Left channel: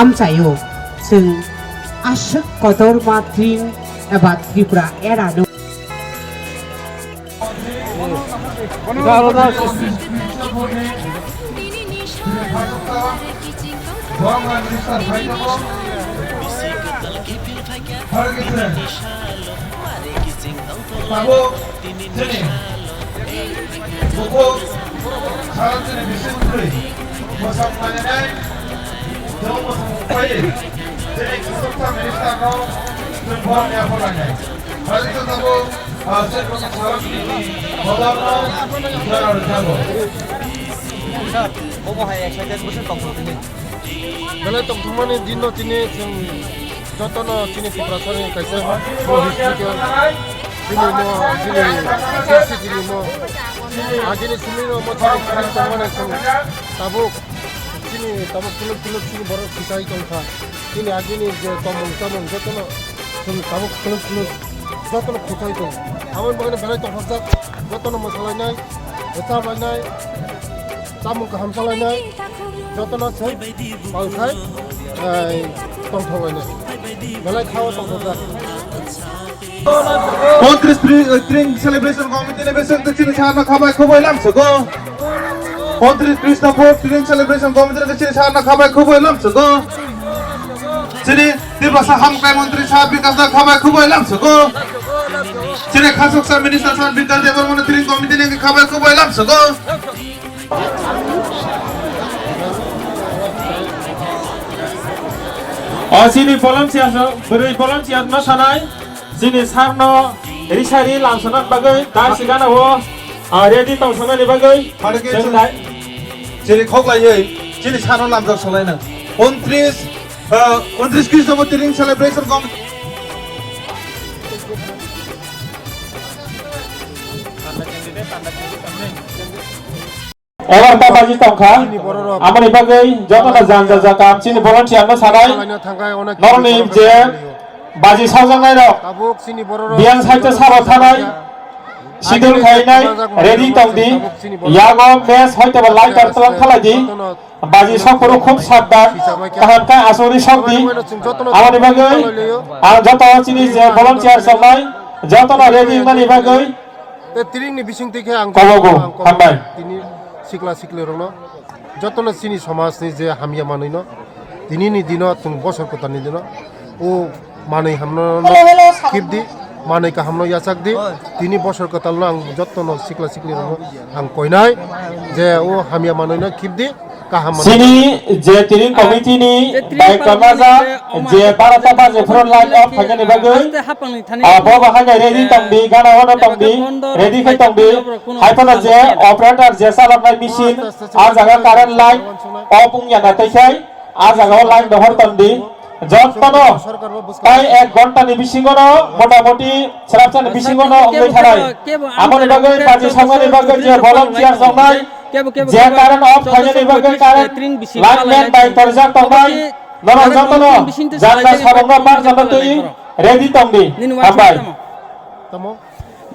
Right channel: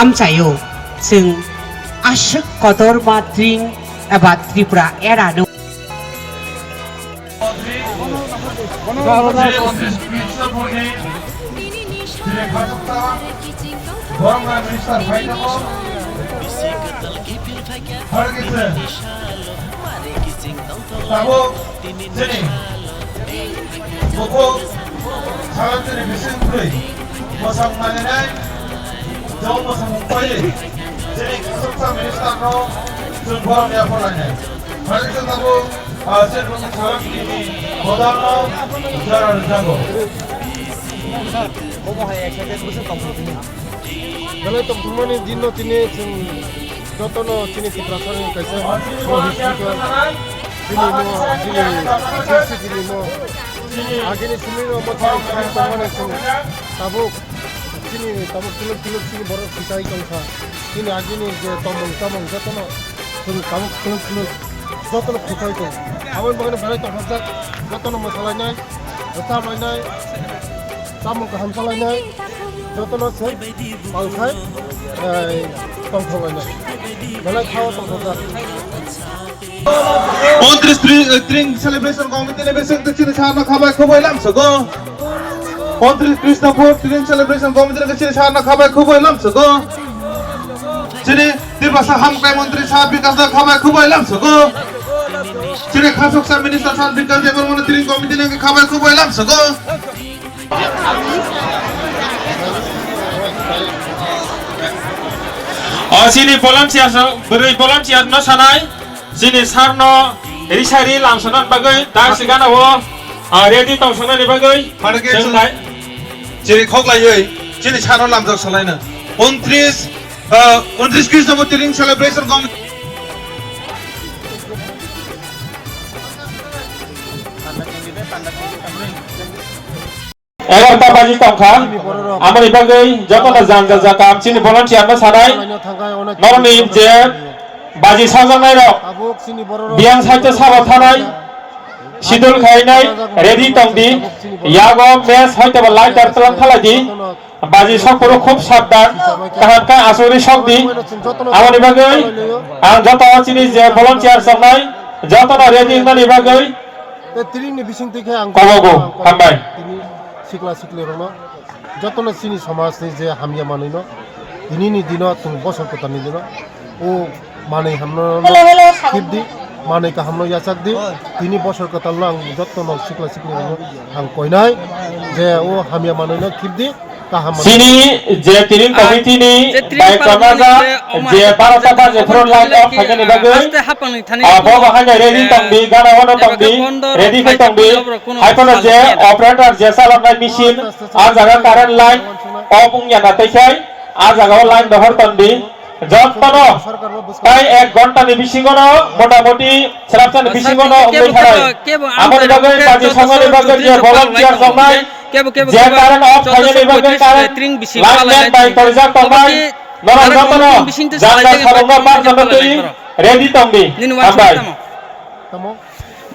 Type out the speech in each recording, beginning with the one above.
आमचायो जों आशोक कदर माद्रिं एबा Tripura एरानो Kalau teman-teman di dino sini contoh sini perasaan yang kaisa mau hidup sini mau agak sini mau cari teman yang tabuk kuluk sini baru kita ikut ini agak ni tomong contoh tabuk kuluk contoh kita ikut awal bagian berai terhadap contoh masalahnya tetap lainnya tamu kehamsalannya যতন আছে পালখায় তংথলাইনা বেলা খাওয়া তংথলা 33 string celebration committee ne besok kecil sana khabai khoboi lam sogo 33 Krishna 4 string celebration committee ne kecil sana khabai khoboi lam sogo Sini dibasa hamkai menteri sahat bikas da khabai khoboi lam sogo Sini khasok sa minister sahat bikas da monitoring committee ne khabai khoboi lam sogo sini volunteer beri volunteer no sanai sini sarno risari langsung bagai dar sigana ho ready tong sanai ni bagai Jangan Sini khoklai sini sarno lam jok salaina 29 Krishna monitoring celebration committee Orang tak bagi tongkang, aman ibagai jatuh na janggal jakam sini volunteer no sanai, norni je bagi saujang nai ro, biang saja sabot sanai, sidul khai nai, ready tong di, yago mes hoite balai tertelang thalai di, bagi sokoro khub sabdan, kahan ka asuri sok di, aman ibagai, jatuh sini je volunteer sanai, jatuh na ready nai ibagai, kobogo, hambai. sikla rona jotono sini samaj ni je hamya manino dinini dino tung bosor kotani dino o manai hamno kibdi manai ka hamno yasak di tini bosor kotalno ang jotono sikla rona ang koinai je o hamya manino kibdi sini je tiring committee ni baik kamaja je baratata je front line of khagani bagai abo bahanya ready tongbi gana hono tongbi ready khai tongbi aipona je operator je salamnai machine a jaga current line off ungya taikai a jaga line behar tongbi যতনো প্রায় 1 ঘন্টা নি বিসিঙ্গনো মোটামুটি সেরাপচান বিসিঙ্গনো ওই থাই আমার বাগে কাজে সঙ্গে বাগে যে ভলান্টিয়ার সবাই যে কারণ অফ থাকে বাগে কারণ ত্রিং বিসি লাইন বাই পয়সা কমাই নরম যতনো জায়গা সরঙ্গ পার যতই ready তম্বি আবাই tamo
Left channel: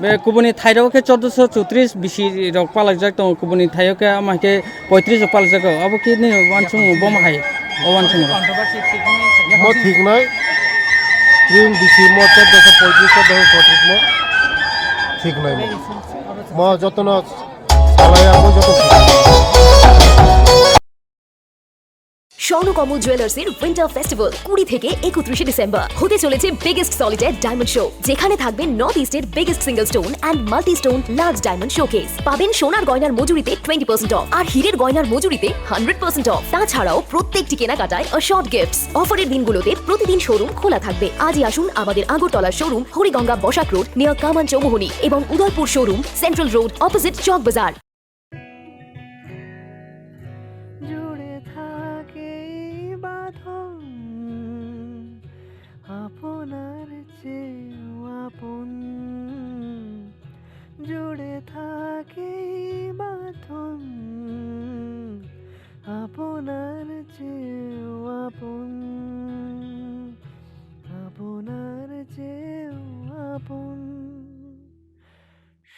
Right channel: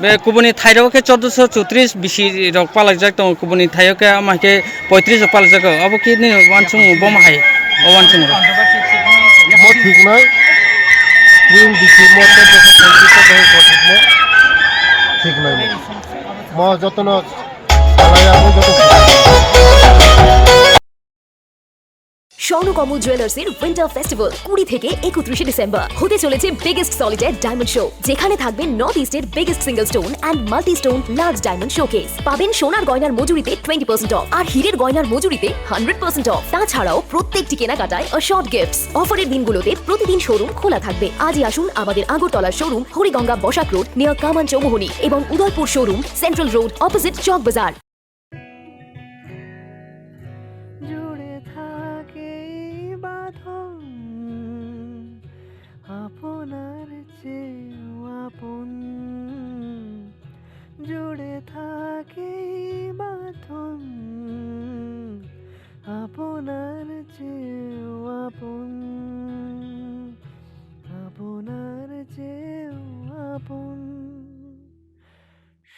be kubuni thairo ke 1434 bisi rok palak jak tong kubuni thayo ke amake 35 palak jak abo ki ni wansung bom hai o wansung ro mo ঠিক নাই ring bisi mo te 235 mo ঠিক নাই mo jotono alaya mo jotono Swarnakamal জুয়েলার্সের winter festival 20 থেকে 31 December হতে চলেছে biggest solitaire diamond show যেখানে থাকবে নর্থ ইস্টের biggest single stone and multi stone large diamond showcase পাবেন সোনার গয়নার মজুরিতে 20% অফ আর হীরের গয়নার মজুরিতে 100% অফ তাছাড়াও প্রত্যেকটি কেনাকাটায় অশর্ট গিফটস অফারের দিনগুলোতে প্রতিদিন শোরুম খোলা থাকবে আজই আসুন আমাদের আগরতলার showroom Hariganga Basak road near Kaman Chowmuhani এবং Udaipur showroom central road opposite Chowk Bazar আপনার চেয়েও আপন জুড়ে থাকে বাঁধন আপনার চেয়েও আপন আপনার চেয়েও আপন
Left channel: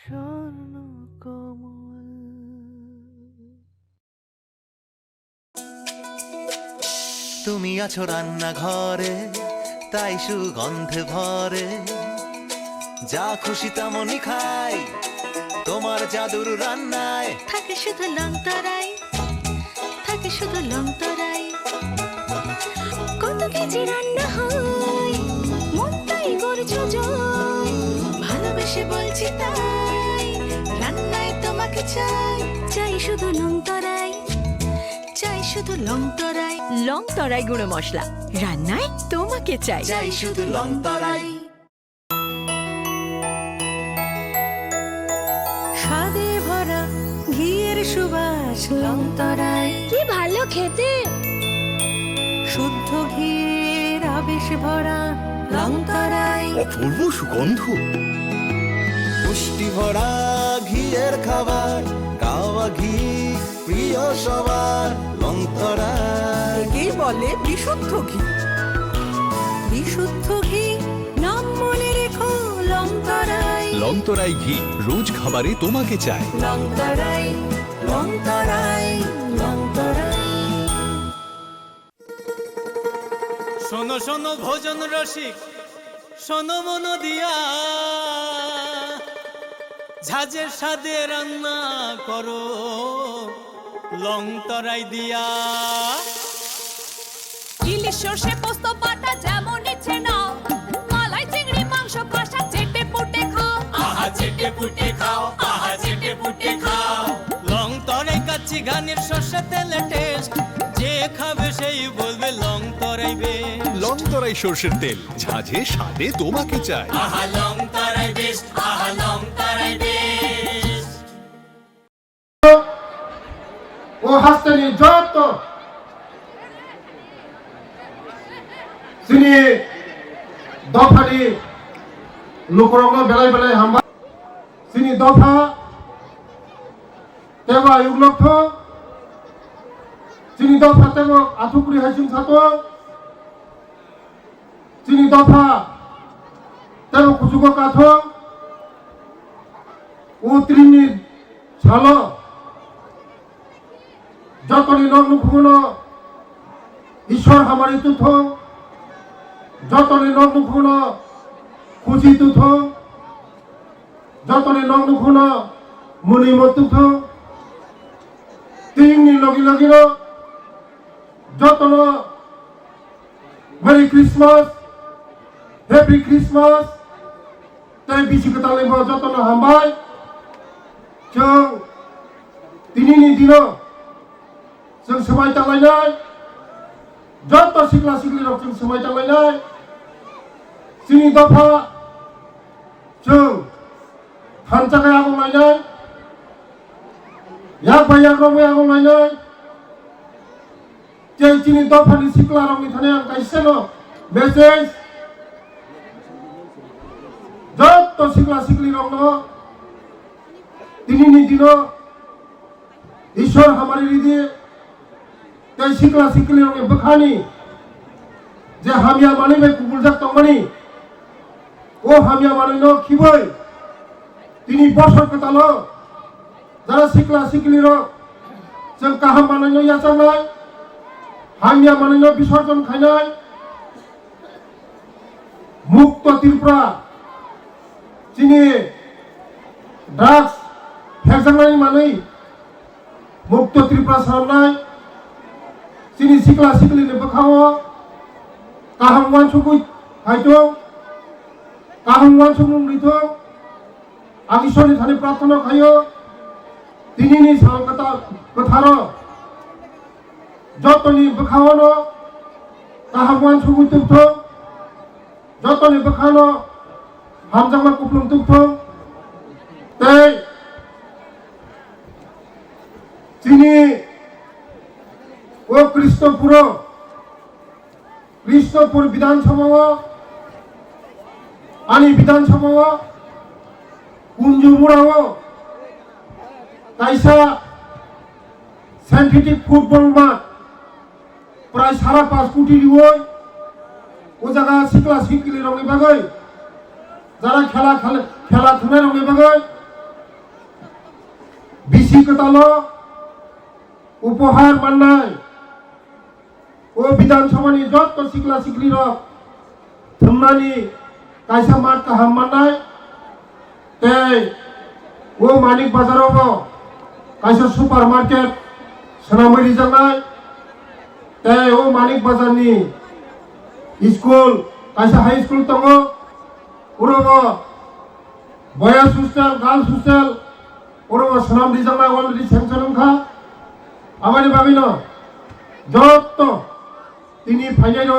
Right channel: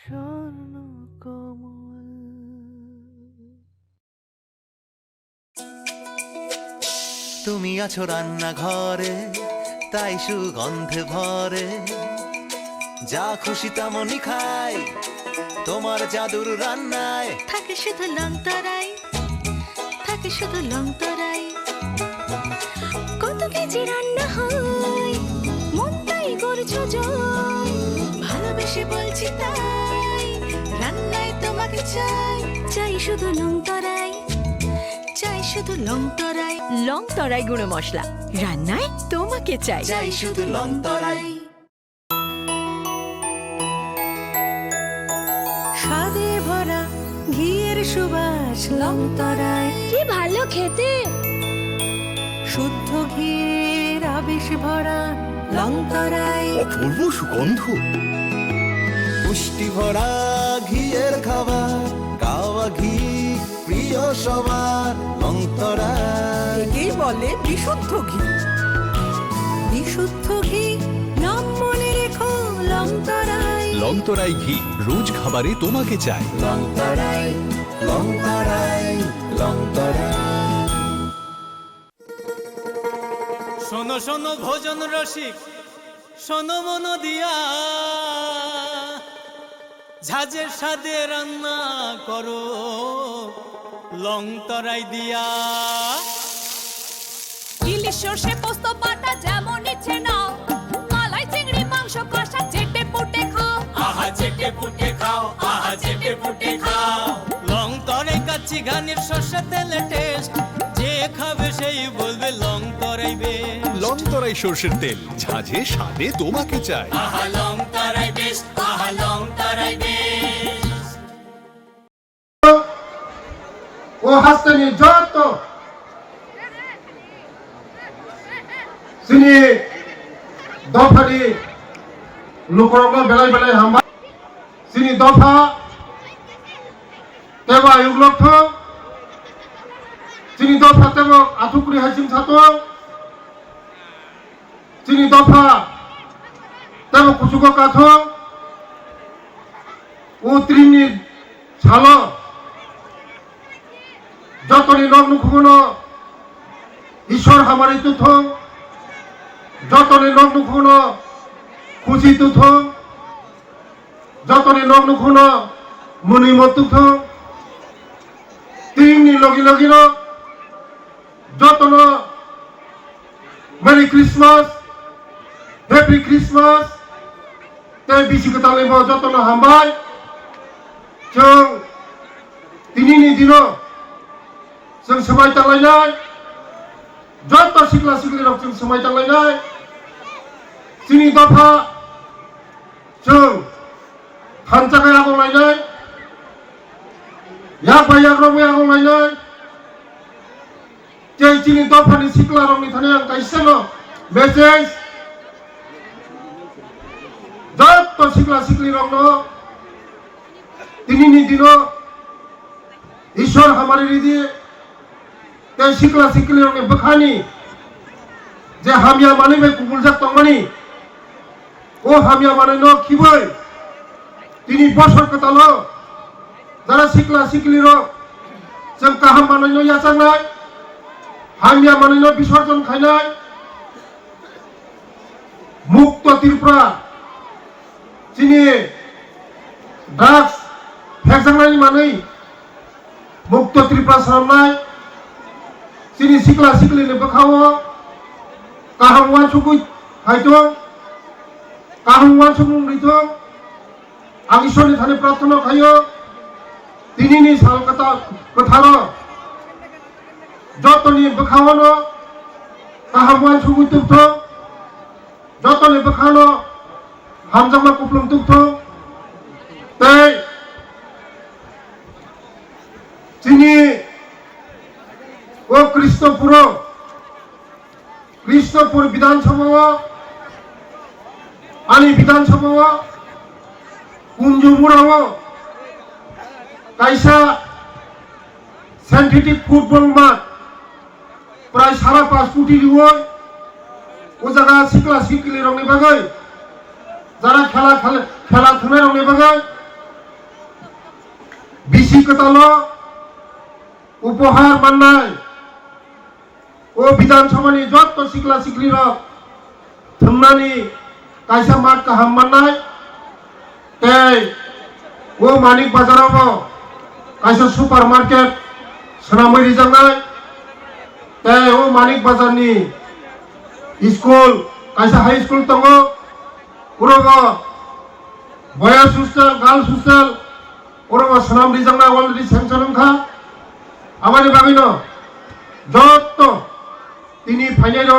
স্বর্ণ কমল তুমি আছো রান্নাঘরে তাই সুগন্ধে ভরে যা খুশি তেমনই খাই তোমার জাদুর রান্নায় থাকে শুধু লং তরাই থাকে শুধু লং তরাই কত কেজি রান্না হয় মনটাই করছো জয় ভালোবেসে বলছি তাই রান্নায় তোমাকে চাই চাই শুধু লং তরাই চাই শুধু লং তরাই লং তরাই গুঁড়ো মশলা রান্নায় তোমাকে চাই চাই শুধু লং তরাই স্বাদে ভরা ঘিয়ের সুবাস লং তরাই কি ভালো খেতে শুদ্ধ ঘিয়ের আবেশ ভরা লং তরাই অপূর্ব সুগন্ধ পুষ্টি ভরা ঘিয়ের খাবার কাওয়া ঘি প্রিয় সবার লং তরাই একেই বলে বিশুদ্ধ ঘি বিশুদ্ধ ঘি নাম মনে রেখো লং তরাই লংতরাই ঘি রোজ খাবারে তোমাকে চাই লং তরাই লং তরাই লং তরাই শোনো শোনো ভোজন রসিক শোনো মন দিয়া ঝাঁঝের স্বাদে রান্না করো লং তরাই দিয়া ইলিশ সর্ষে পোস্ত বাটা যেমন ইচ্ছে নাও মালাই চিংড়ি মাংস কষা চেটে পুটে খাও আহা চেটে পুটে খাও আহা চেটে পুটে খাও লং তরাই কাচ্চি ঘানির সর্ষে তেলে টেস্ট যে খাবে সেই বলবে লং তরাই বেশ লংতরাই সর্ষের তেল ঝাঁঝে স্বাদে তোমাকে চাই আহা লং তরাই বেশ আহা লং তরাই বেশ ও হাসতেনি যত সিনি দফানি লুকরঙ্গ বেলায় বেলায় হামবা সিনি দফা তেবা ইউগ্লক্ষ সিনি দফা তেব আথুকুরি হাসিম ছাতো সিনি দফা তেব কুসুক কাথ ও ত্রিনি ছালো যতনি লগ্ন খুবন ঈশ্বর হামারি তুথ যতনি লগ্ন খুবন খুশি তুথ যতনি লগ্ন খুবন মুনি মতুথ তিননি লগি লগিন যতন মেরি ক্রিসমাস হ্যাপি ক্রিসমাস তাই বিশি কথা লইব যতন হামবাই जों दिनैनि दिनाव जों समायतालायनाय जत सिख्ला सिख्लिराव जों समायतालायनाय जोंनि दफा जों थानजाखाय आगलायनाय याग बाय याग्रावै आगलायनाय जे जोंनि दफानि सिख्ला रावनि थानाय आं गायसेल' मेसेज जत सिख्ला सिख्लिरावनो दिनैनि दिनाव ईश्वर हमारे हृदय ते सिख्ला सिख्लिरावनि बोखानि जे हामिया माने बे गुगुलजाक तंमानि ओ हामिया माने न खिबै दिनै बसर कताल जारा सिख्ला सिख्लिराव जों गाहाम माने न याचांनाय हामिया माने न विसर्जन खायनाय मुक्त त्रिपुरा दिनै ड्राग्स फेक्सांनायनि मानै मुक्त त्रिपुरा सारनाय जोंनि सिख्ला सिख्लिनि बोखावो गाहाम वानसुगु हायदों गाहाम वानसुगु रैथों आं ईश्वरनि थाखाय प्रार्थना खायो दिनैनि सान गोथार जतनि बोखावनो गाहाम वानसुगु तुगथों जतनि बोखावनो हामजामा कुप्लुं तुगथों तै যিনি ও কৃষ্ণপুর বিধানসভা আনি বিধানসভা কুঞ্জুমুড়াও কাইসা সিনথেটিক ফুটবল মাঠ প্রায় 5.5 কোটি রিও ও জায়গা সিকলা সিকলি রঙে বাগাই যারা খেলা ধুনে রঙে বাগাই বিশি কতালো উপহার মান্নায় ও बिधानसभानि जत सिख्ला सिख्लिरक थुमनानि कायसा मात गाहाम माननाय ते मानिक बाजारावबो कायसा सुपार मार्केट सोनामै रिजांनाय ते मानिक बाजारनि स्कुल कायसा हाई स्कुल दङ उरबो बयस हस्टेल गार्ल्स हस्टेल उरबो सोनाम रिजांनाय अलरेडि सेंसन ओंखा आमानि बागैनो जत তিনি ফাইনাল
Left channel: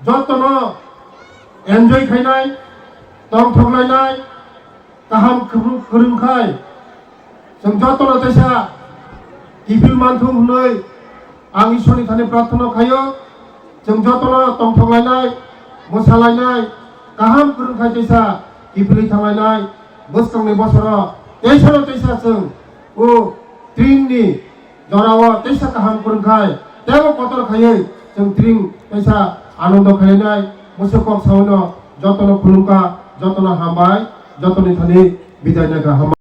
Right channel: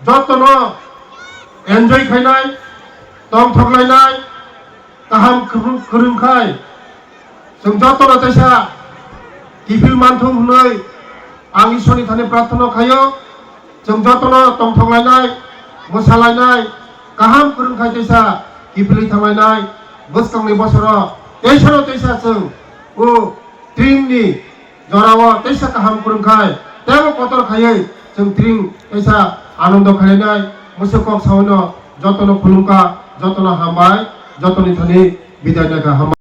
যতন এনজয় খাইনাय दं थगलायनाय गाहाम खोरोंखाय जों जतन तैसा गिफिल मानथों होनै आं इसोरनि थाने प्रार्थना खायो जों जतन दं थगलायनाय मोसालायनाय गाहाम खोरोंखाय तैसा गिफिलै थांलायनाय बोसोरनि बोसोराव तैसा जों ट्रिंनि जराव तैसा गाहाम खोरोंखाय तेव कतर खायै जों ट्रिं तैसा आनंद खालायनाय मोसौखौ सावनो जतन खुलुमका जतन हामबाय जतननि थाने बिदाय नागा हामबाय।